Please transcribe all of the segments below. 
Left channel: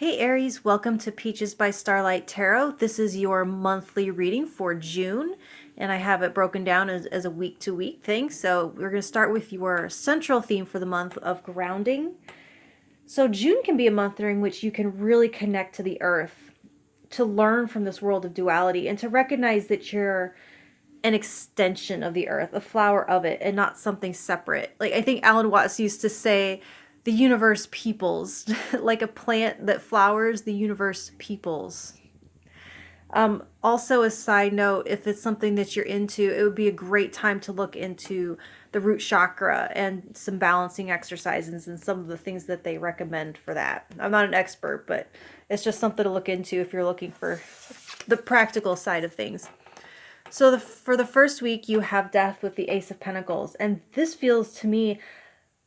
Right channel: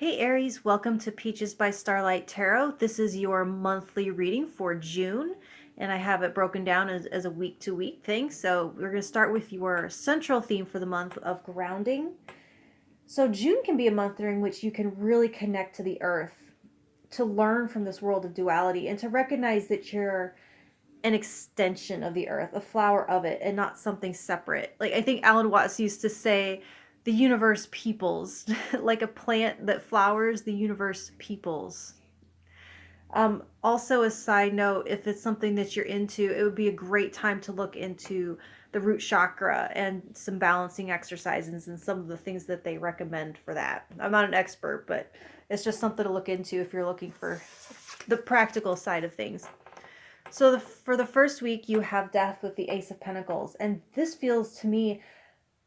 Hey Aries, welcome to Peaches by Starlight Tarot. This is your monthly reading for June, and I have it broken down as a week to week thing. So we're going to start with your central theme for the month of grounding. So June can be a month during which you can really connect to the earth, to learn from this world of duality, and to recognize that you're an extension of the earth, a flower of it, and not something separate. Like I think Alan Watts used to say, the universe peoples, like a plant that flowers, the universe peoples. Also, a side note, if it's something that you're into, it would be a great time to look into the root chakra and some balancing exercises and some of the things that they recommend for that. I'm not an expert, but it's just something to look into if you're looking for the practical side of things. So for the first week, you have Death with the Ace of Pentacles, and this feels to me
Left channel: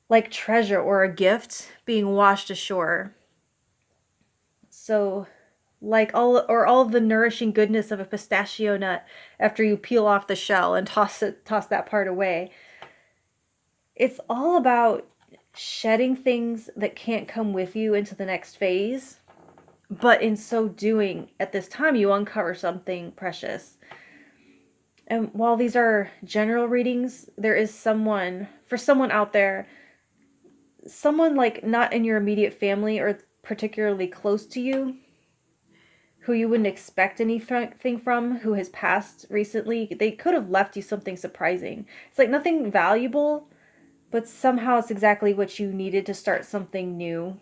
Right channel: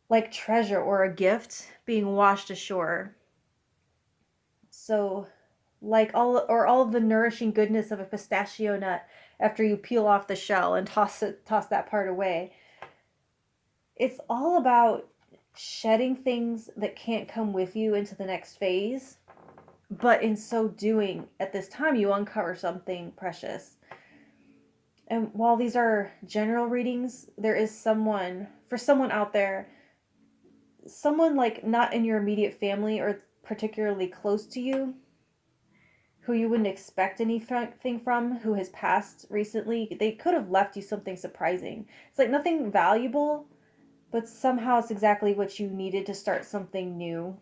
like treasure or a gift being washed ashore. So like all of the nourishing goodness of a pistachio nut after you peel off the shell and toss that part away. It's all about shedding things that can't come with you into the next phase, but in so doing, at this time you uncover something precious. And while these are general readings, there is someone out there, someone like not in your immediate family or particularly close to you, who you wouldn't expect anything from, who has passed recently. They could have left you something surprising. It's like nothing valuable, but somehow it's exactly what you needed to start something new.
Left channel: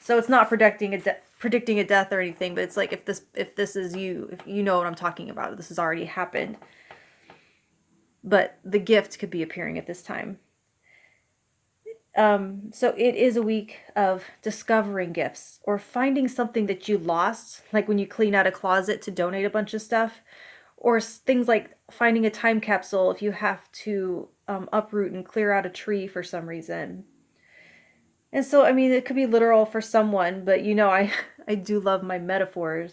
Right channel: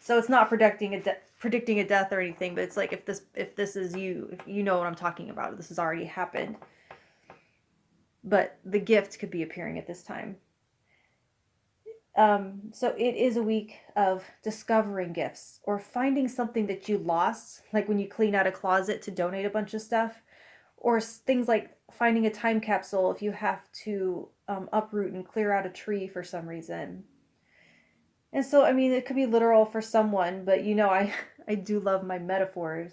So it's not predicting a death or anything, but it's like if this is you, if you know what I'm talking about, this has already happened. But the gift could be appearing at this time. So it is a week of discovering gifts or finding something that you lost, like when you clean out a closet to donate a bunch of stuff, or things like finding a time capsule if you have to uproot and clear out a tree for some reason. And so, I mean, it could be literal for someone, but you know, I do love my metaphors.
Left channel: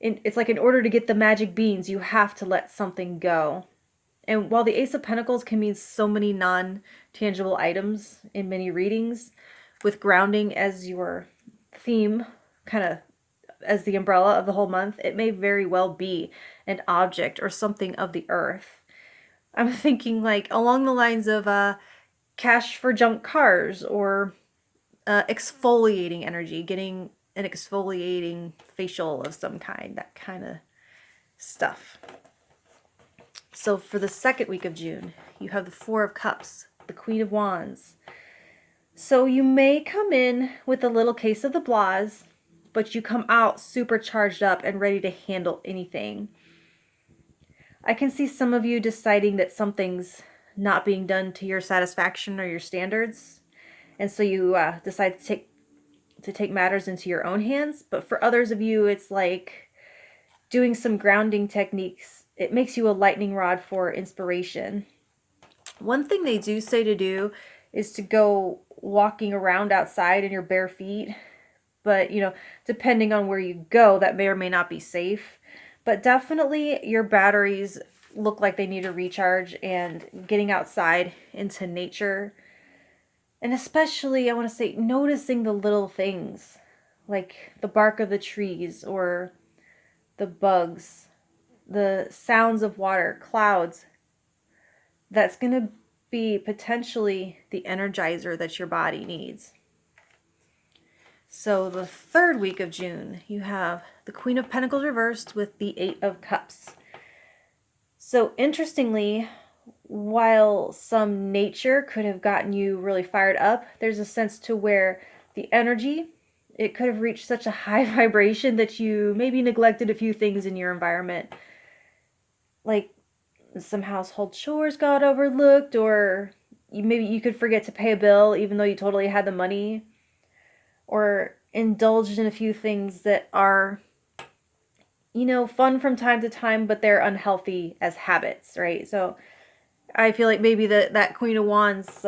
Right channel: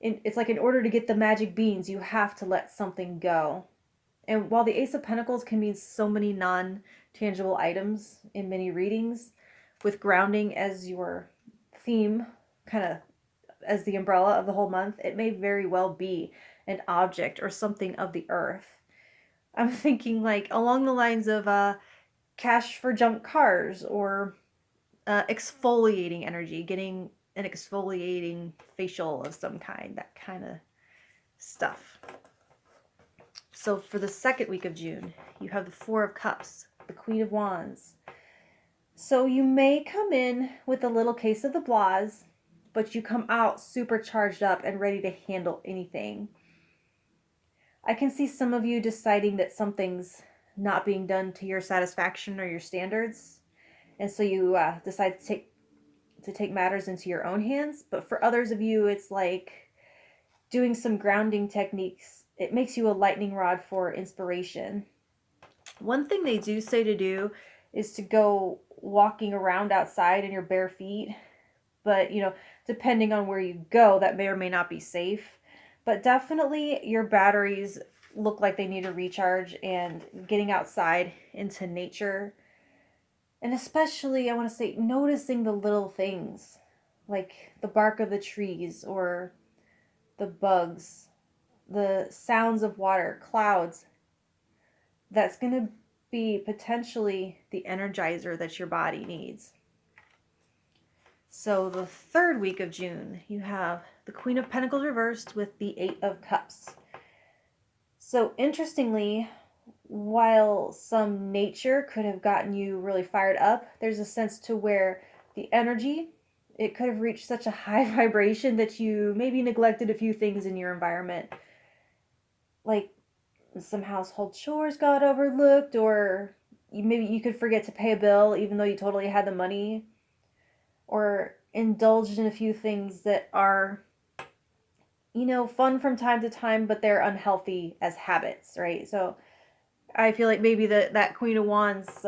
It's like in order to get the magic beans, you have to let something go. And while the Ace of Pentacles can mean so many non-tangible items in many readings, with grounding as your theme, kind of as the umbrella of the whole month, it may very well be an object or something of the earth. I'm thinking like along the lines of cash for junk cars, or exfoliating energy, getting an exfoliating facial of some kind, that kind of stuff. So for the second week of June, you have the Four of Cups, the Queen of Wands. So you may come in with a little case of the blahs, but you come out super charged up and ready to handle anything. I can see some of you deciding that something's not being done to your satisfaction or your standards, and so you decide to take matters into your own hands. But for others of you, it's like doing some grounding techniques. It makes you a lightning rod for inspiration. One thing they do say to do is to go walking around outside in your bare feet. But, you know, depending on where you go, that may or may not be safe. But definitely your batteries look like they need a recharge, and getting outside into nature. And especially, I want to say, noticing the little things, like the bark of the trees or the bugs, the sounds of water, clouds. That's going to be potentially the energizer that your body needs. So the third week of June, you have the Queen of Pentacles reversed with the Eight of Cups. So interestingly, while some nature could have gotten you really fired up, there's a sense to where the energy, it could have reached such a high vibration that you maybe neglected a few things in your environment. Like some household chores got overlooked, or maybe you could forget to pay a bill even though you totally had the money, or indulged in a few things that are, you know, fun from time to time, but they're unhealthy as habits, right? So I feel like maybe that Queen of Wands,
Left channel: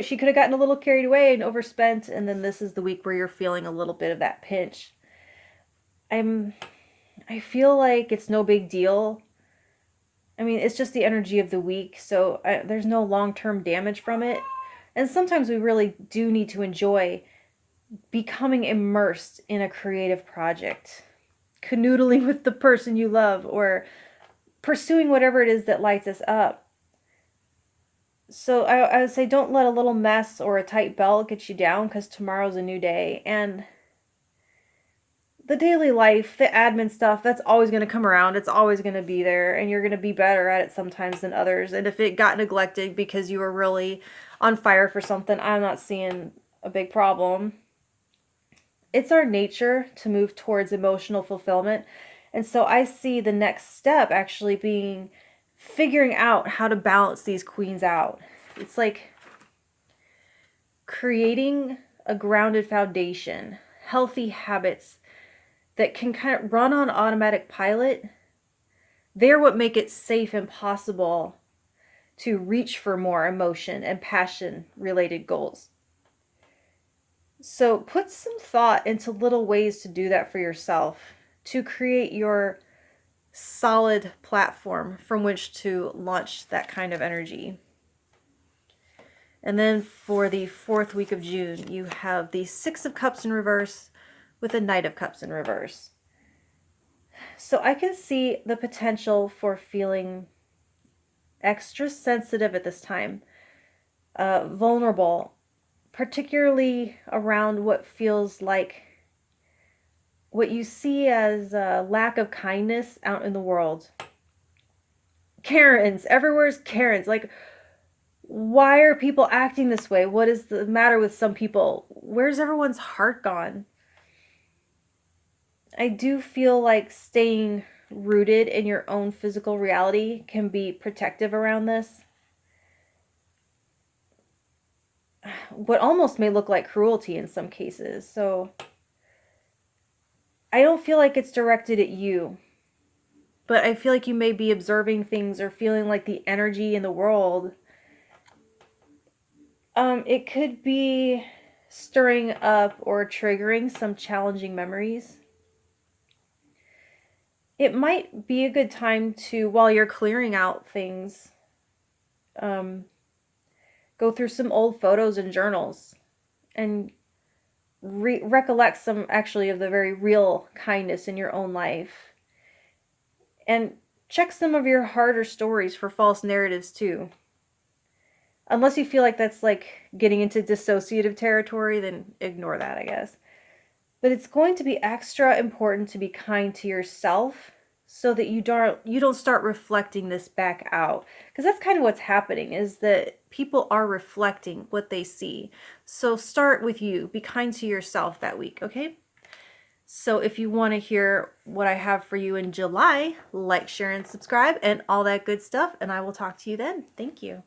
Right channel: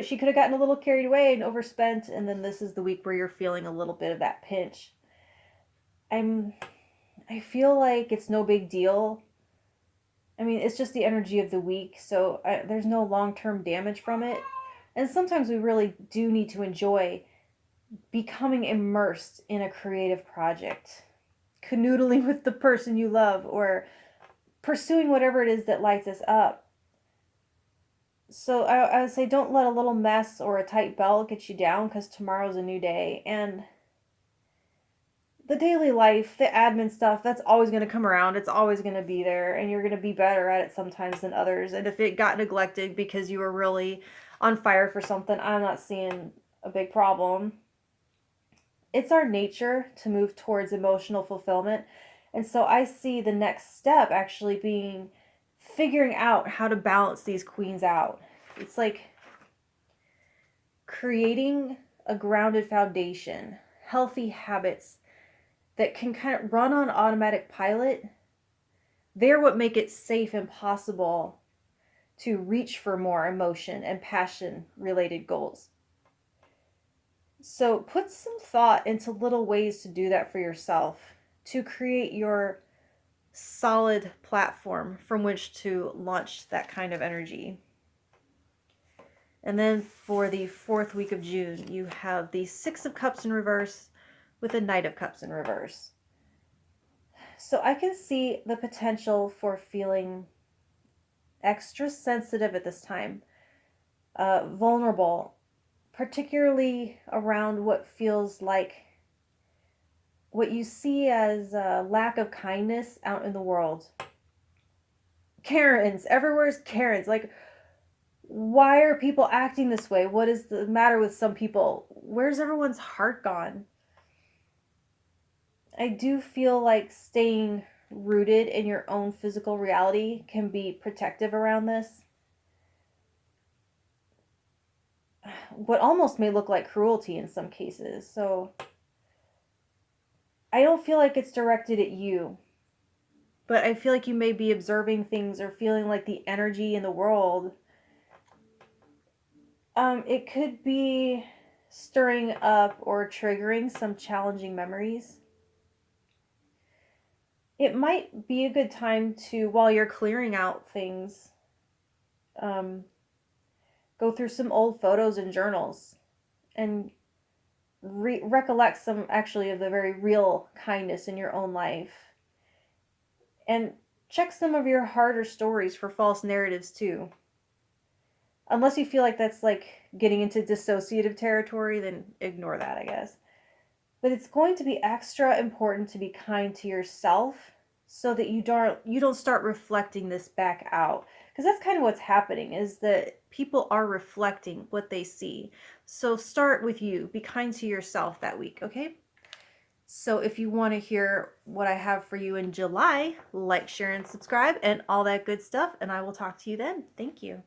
she could have gotten a little carried away and overspent, and then this is the week where you're feeling a little bit of that pinch. I feel like it's no big deal. I mean, it's just the energy of the week, so there's no long-term damage from it. And sometimes we really do need to enjoy becoming immersed in a creative project, canoodling with the person you love, or pursuing whatever it is that lights us up. So I would say don't let a little mess or a tight belt get you down, because tomorrow's a new day. And the daily life, the admin stuff, that's always going to come around. It's always going to be there, and you're going to be better at it sometimes than others. And if it got neglected because you were really on fire for something, I'm not seeing a big problem. It's our nature to move towards emotional fulfillment. And so I see the next step actually being figuring out how to balance these queens out. It's like creating a grounded foundation, healthy habits that can kind of run on automatic pilot. They're what make it safe and possible to reach for more emotion and passion related goals. So put some thought into little ways to do that for yourself, to create your solid platform from which to launch that kind of energy. And then for the 4th week of June, you have the 6 of Cups in reverse with the Knight of Cups in reverse. So I can see the potential for feeling extra sensitive at this time, vulnerable, particularly around what feels like what you see as a lack of kindness out in the world. Karens, everywhere's Karens. Like, why are people acting this way? What is the matter with some people? Where's everyone's heart gone? I do feel like staying rooted in your own physical reality can be protective around this. What almost may look like cruelty in some cases. So I don't feel like it's directed at you, but I feel like you may be observing things or feeling like the energy in the world. It could be stirring up or triggering some challenging memories. It might be a good time to, while you're clearing out things, go through some old photos and journals and recollect some actually of the very real kindness in your own life. And check some of your harder stories for false narratives too. Unless you feel like that's like getting into dissociative territory, then ignore that, I guess. But it's going to be extra important to be kind to yourself so that you don't start reflecting this back out. Because that's kind of what's happening, is that people are reflecting what they see. So start with you. Be kind to yourself that week, okay? So if you want to hear what I have for you in July, like, share, and subscribe, and all that good stuff. And I will talk to you then. Thank you.